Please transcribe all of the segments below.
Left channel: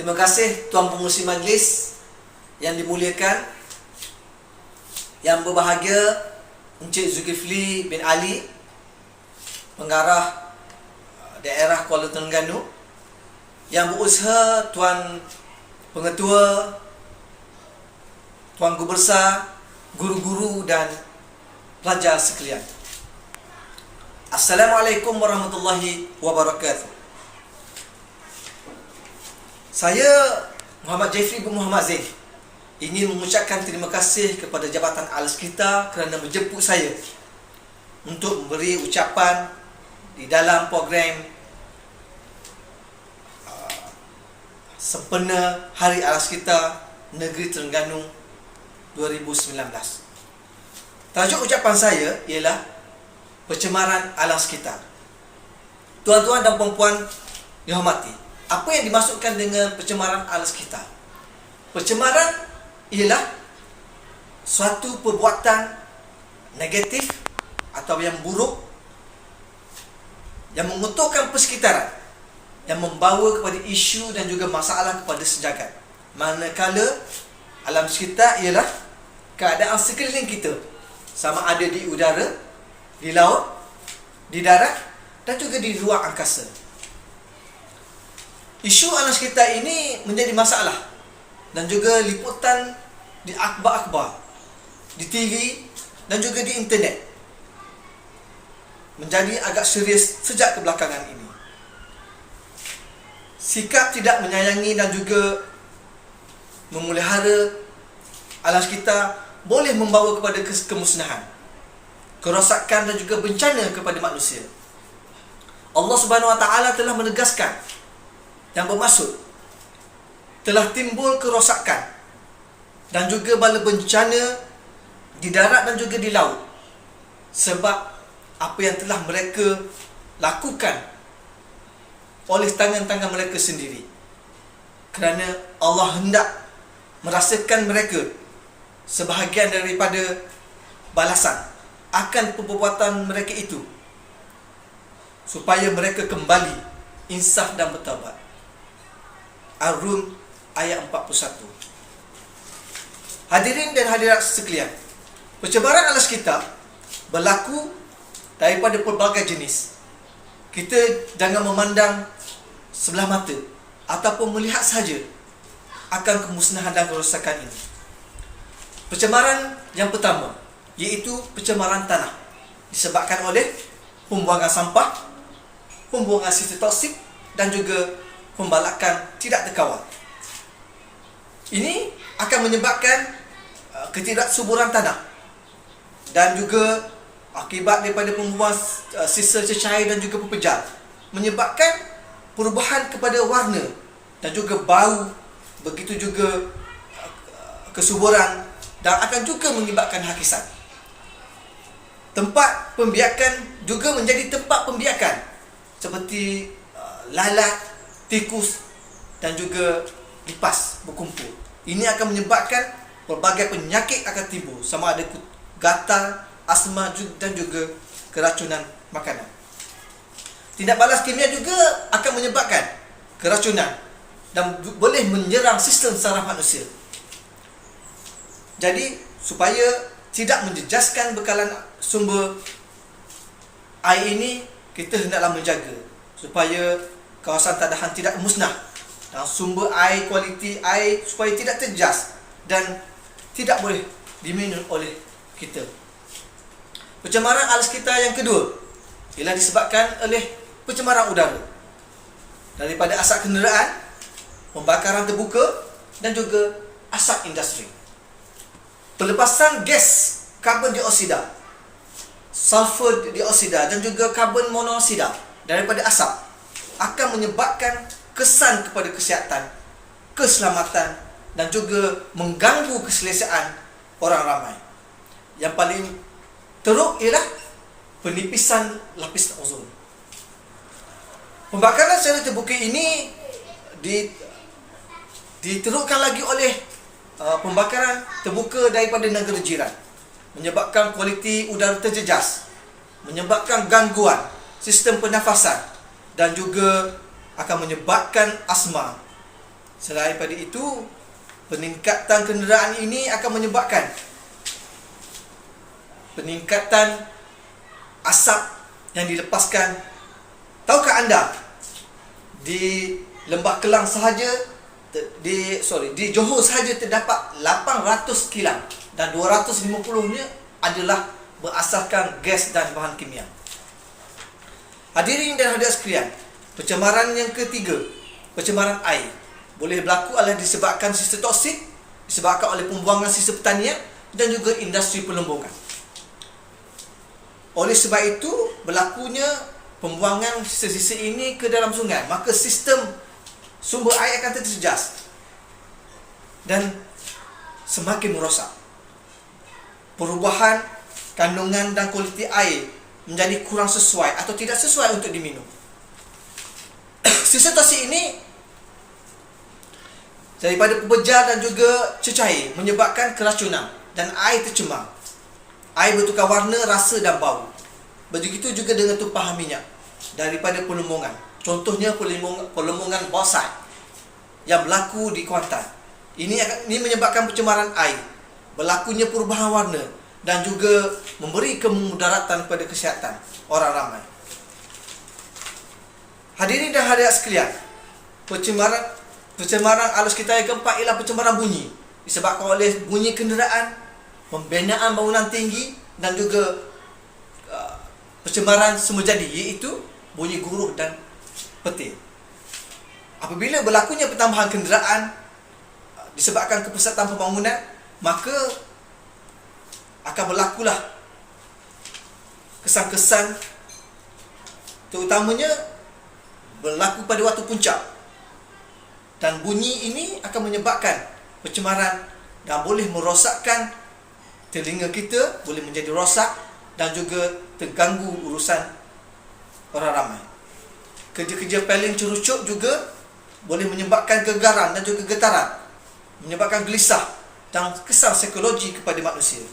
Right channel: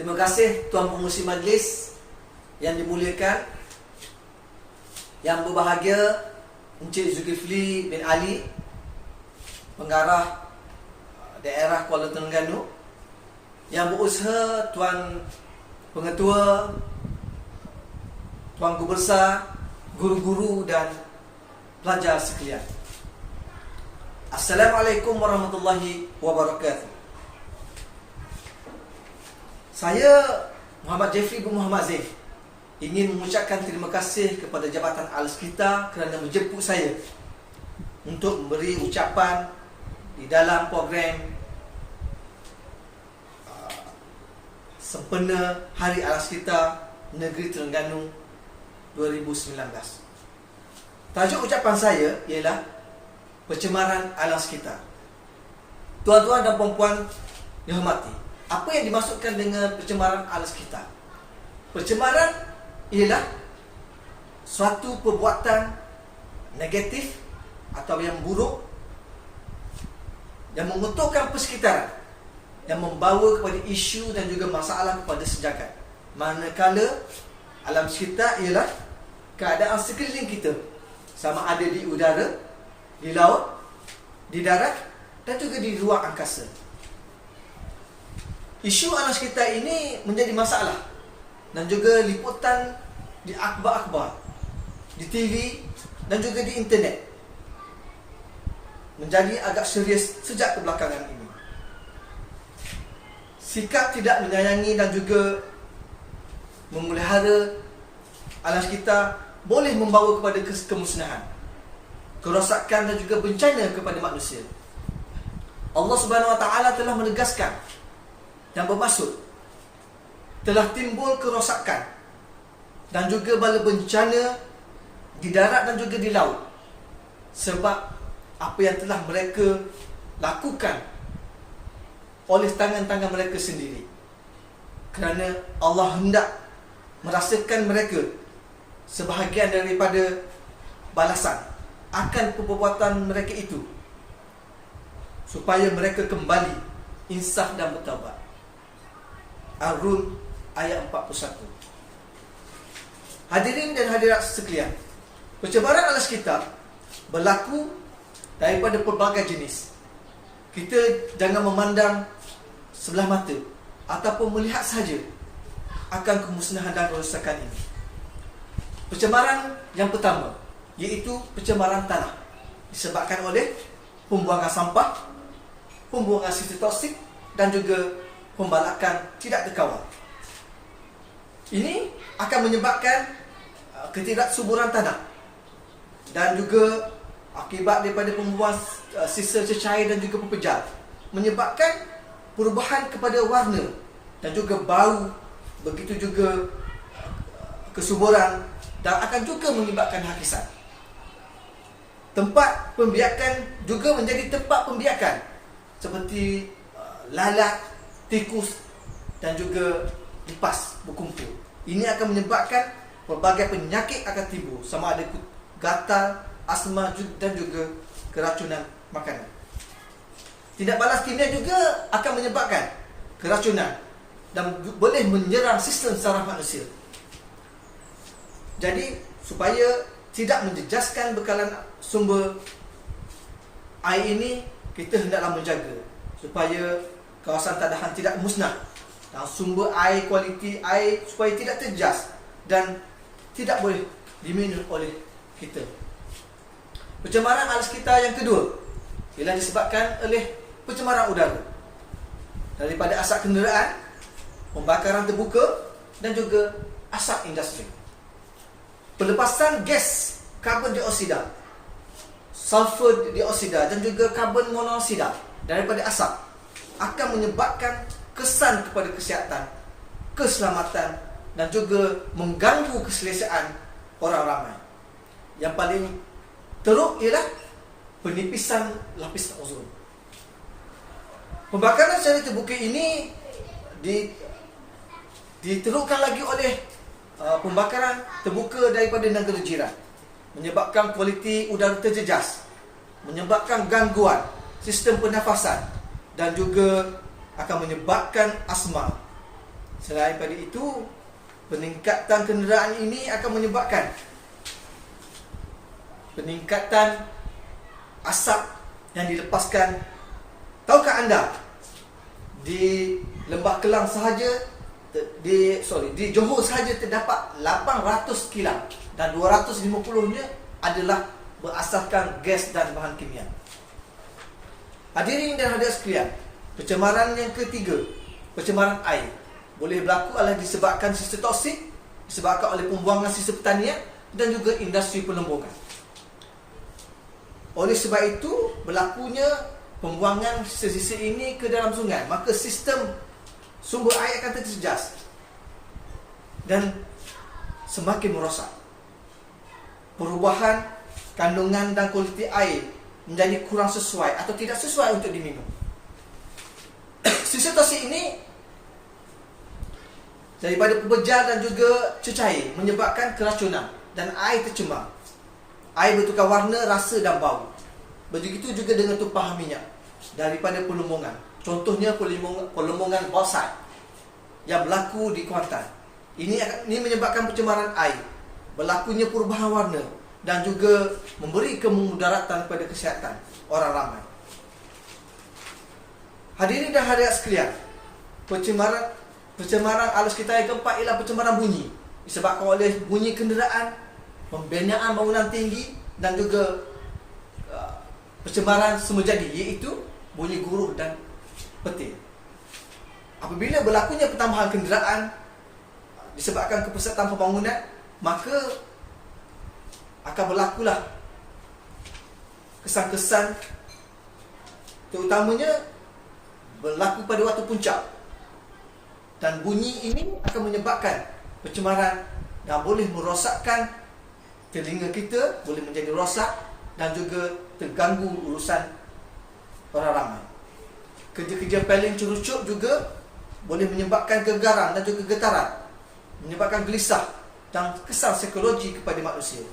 Terima kasih Tuan Pengerusi Majlis yang dimuliakan, yang berbahagia Encik Zulkifli bin Ali, Pengarah Daerah Kuala Terengganu, yang berusaha Tuan Pengetua, Tuan Gubesar, guru-guru dan pelajar sekalian. Assalamualaikum warahmatullahi wabarakatuh. Saya Muhammad Jeffrey bin Muhammad Zain ingin mengucapkan terima kasih kepada Jabatan Al-Sekitar kerana menjemput saya untuk memberi ucapan di dalam program sempena Hari Al-Sekitar Negeri Terengganu 2019. Tajuk ucapan saya ialah pencemaran alam sekitar. Tuan-tuan dan puan-puan dihormati, apa yang dimaksudkan dengan pencemaran alam sekitar? Pencemaran ialah suatu perbuatan negatif atau yang buruk yang mengotorkan persekitaran, yang membawa kepada isu dan juga masalah kepada sejagat. Manakala alam sekitar ialah keadaan sekeliling kita, sama ada di udara, di laut, di darat dan juga di luar angkasa. Isu alam sekitar ini menjadi masalah dan juga liputan di akhbar-akhbar, di TV dan juga di internet menjadi agak serius sejak kebelakangan ini. Sikap tidak menyayangi dan juga memelihara alam sekitar boleh membawa kepada kemusnahan, kerosakan dan juga bencana kepada manusia. Allah Subhanahu Wa Taala telah menegaskan yang bermaksud telah timbul kerosakan dan juga bala bencana di darat dan juga di laut sebab apa yang telah mereka lakukan oleh tangan-tangan mereka sendiri, kerana Allah hendak merasakan mereka sebahagian daripada balasan akan perbuatan mereka itu, supaya mereka kembali insaf dan bertaubat. Ar-Rum ayat 41. Hadirin dan hadirat sekalian, pencemaran alam sekitar berlaku daripada pelbagai jenis. Kita jangan memandang sebelah mata ataupun melihat sahaja akan kemusnahan dan kerosakan ini. Pencemaran yang pertama iaitu pencemaran tanah, disebabkan oleh pembuangan sampah, pembuangan sisa toksik dan juga pembalakan tidak terkawal. Ini akan menyebabkan ketidaksuburan tanah dan juga akibat daripada pembuangan sisa cecair dan juga pepejal, menyebabkan perubahan kepada warna dan juga bau, begitu juga kesuburan, dan akan juga menyebabkan hakisan. Tempat pembiakan juga menjadi tempat pembiakan seperti lalat, tikus dan juga lipas berkumpul. Ini akan menyebabkan pelbagai penyakit akan timbul, sama ada gatal, asma dan juga keracunan makanan. Tindak balas kimia juga akan menyebabkan keracunan dan boleh menyerang sistem saraf manusia. Jadi supaya tidak menjejaskan bekalan sumber air ini, kita hendaklah menjaga supaya kawasan tadahan tidak musnah dan sumber air, kualiti air supaya tidak terjejas dan tidak boleh diminum oleh kita. Pencemaran alam sekitar yang kedua ialah disebabkan oleh pencemaran udara daripada asap kenderaan, pembakaran terbuka dan juga asap industri. Pelepasan gas karbon dioksida, sulfur dioksida dan juga karbon monoksida daripada asap akan menyebabkan kesan kepada kesihatan, keselamatan dan juga mengganggu keselesaan orang ramai. Yang paling teruk ialah penipisan lapis ozon. Pembakaran secara terbuka ini diterukkan lagi oleh pembakaran terbuka daripada negara jiran, menyebabkan kualiti udara terjejas, menyebabkan gangguan sistem pernafasan dan juga akan menyebabkan asma Selain daripada itu, peningkatan kenderaan ini akan menyebabkan peningkatan asap yang dilepaskan. Tahukah anda, di Lembah Kelang sahaja, di Johor sahaja terdapat 800 kilang dan 250-nya adalah berasaskan gas dan bahan kimia. Hadirin dan hadirat sekalian, pencemaran yang ketiga, pencemaran air, boleh berlaku adalah disebabkan sisa toksik, disebabkan oleh pembuangan sisa pertanian dan juga industri pelembungan. Oleh sebab itu, berlakunya pembuangan sisa-sisa ini ke dalam sungai, maka sistem sumber air akan terjejas dan semakin merosak. Perubahan kandungan dan kualiti air menjadi kurang sesuai atau tidak sesuai untuk diminum. Sisa toksik ini daripada pembejal dan juga cecair menyebabkan keracunan dan air tercemar. Air bertukar warna, rasa dan bau. Begitu juga dengan tumpahan minyak daripada pelembungan. Contohnya pelembungan bauxite yang berlaku di Kuantan. Ini menyebabkan pencemaran air, berlakunya perubahan warna dan juga memberi kemudaratan kepada kesihatan orang ramai. Hadirin dan hadirat sekalian, pencemaran alam sekitar yang keempat ialah pencemaran bunyi, disebabkan oleh bunyi kenderaan, pembinaan bangunan tinggi dan juga pencemaran semula jadi, iaitu bunyi guruh dan petir. Apabila berlakunya pertambahan kenderaan disebabkan kepesatan pembangunan, maka akan berlakulah kesan-kesan, terutamanya berlaku pada waktu puncak. Dan bunyi ini akan menyebabkan pencemaran dan boleh merosakkan telinga kita, boleh menjadi rosak dan juga terganggu urusan orang ramai. Kerja-kerja paling cerucuk juga boleh menyebabkan kegaran dan juga getaran, menyebabkan gelisah dan kesan psikologi kepada manusia.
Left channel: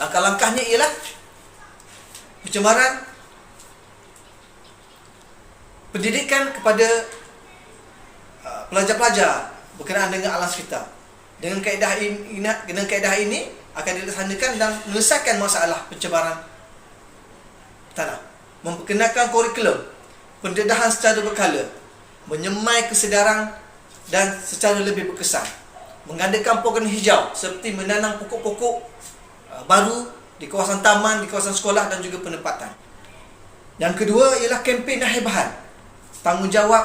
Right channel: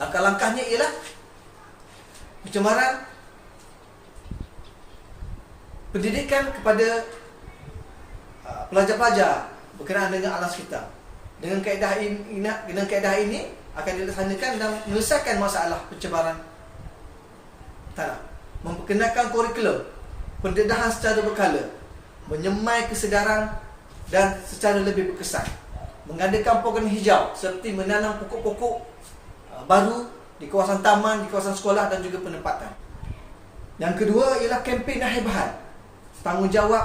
Langkah-langkahnya ialah pencemaran pendidikan kepada pelajar-pelajar berkenaan dengan alam sekitar. Dengan kaedah ini akan dilaksanakan dan menyelesaikan masalah pencemaran tanah. Memperkenalkan kurikulum pendedahan secara berkala, menyemai kesedaran dan secara lebih berkesan. Mengadakan program hijau seperti menanam pokok-pokok baru di kawasan taman, di kawasan sekolah dan juga penempatan. Yang kedua ialah kempen dan hebahan. Tanggungjawab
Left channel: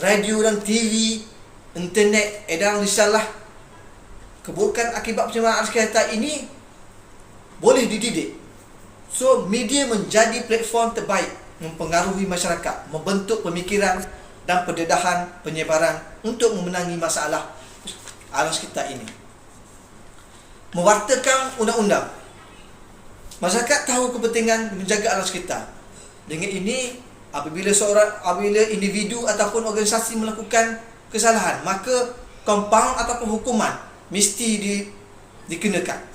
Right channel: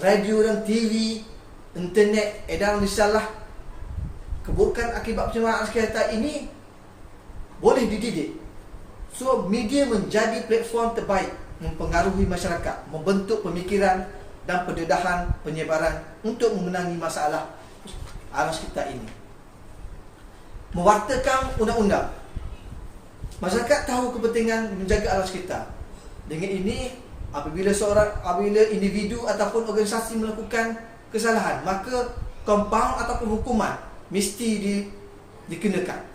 radio dan TV, internet, edaran risalah. Keburukan akibat pencemaran alam sekitar ini boleh dididik. So, media menjadi platform terbaik mempengaruhi masyarakat, membentuk pemikiran dan pendedahan penyebaran untuk memenangi masalah alam sekitar ini. Mewartakan undang-undang. Masyarakat tahu kepentingan menjaga alam sekitar. Dengan ini, apabila individu ataupun organisasi melakukan kesalahan, maka kompaun ataupun hukuman mesti dikenakan.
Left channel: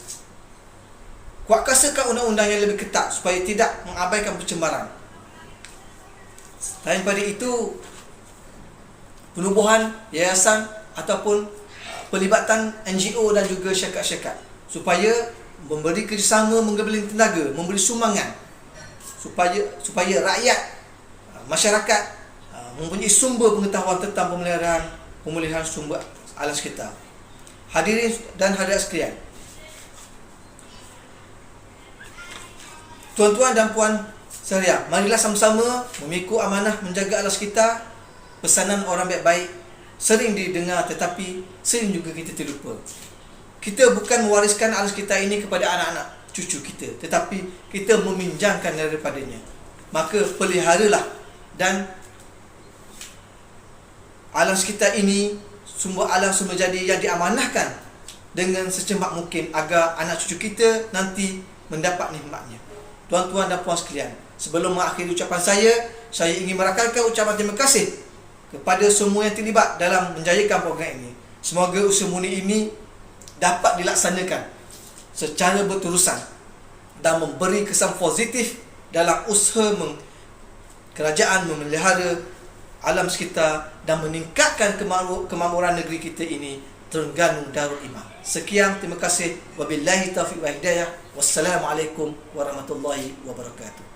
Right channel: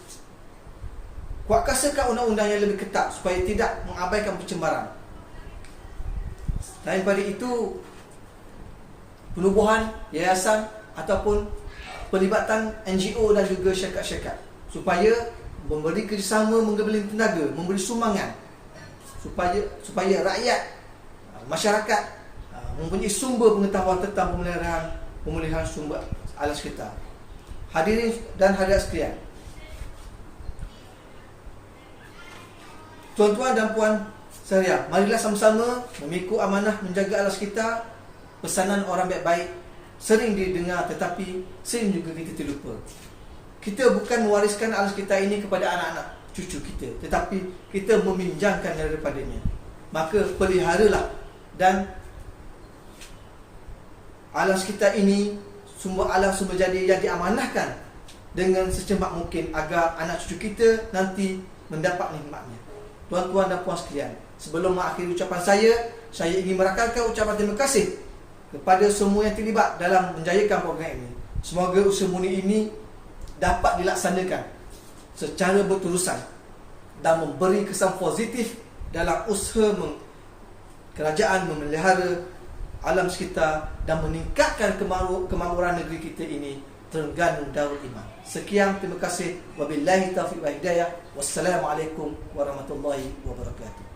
Kuatkasakan undang-undang yang lebih ketat supaya tidak mengabaikan pencemaran. Selain daripada itu, penubuhan yayasan ataupun pelibatan NGO dan juga syarikat-syarikat supaya memberi kerjasama, menggabungkan tenaga, memberi sumbangan supaya rakyat, masyarakat mempunyai sumber pengetahuan tentang pemeliharaan sumber alam sekitar. Hadirin dan hadirat sekalian, tuan-tuan dan puan sekalian, marilah sama-sama memikul amanah menjaga alam sekitar. Pesanan orang baik-baik sering didengar tetapi sering juga kita terlupa. Kita bukan mewariskan alam sekitar ini kepada anak-anak cucu kita, tetapi kita meminjamkan daripadanya. Maka peliharalah dan alam sekitar ini, sumber alam sumber jadi yang diamanahkan dengan secepat mungkin agar anak cucu kita nanti mendapat nikmatnya. Tuan-tuan dan puan sekalian, sebelum mengakhiri ucapan saya ingin merakamkan ucapan terima kasih kepada semua yang terlibat dalam menjayakan program ini. Semoga usaha murni ini dapat dilaksanakan secara berterusan dan memberi kesan positif dalam usaha kerajaan memelihara alam sekitar dan meningkatkan kemakmuran negeri kita ini, Terengganu Darul Iman. Sekian, terima kasih. Wabillahi taufiq wa hidayah. Wassalamualaikum warahmatullahi wabarakatuh.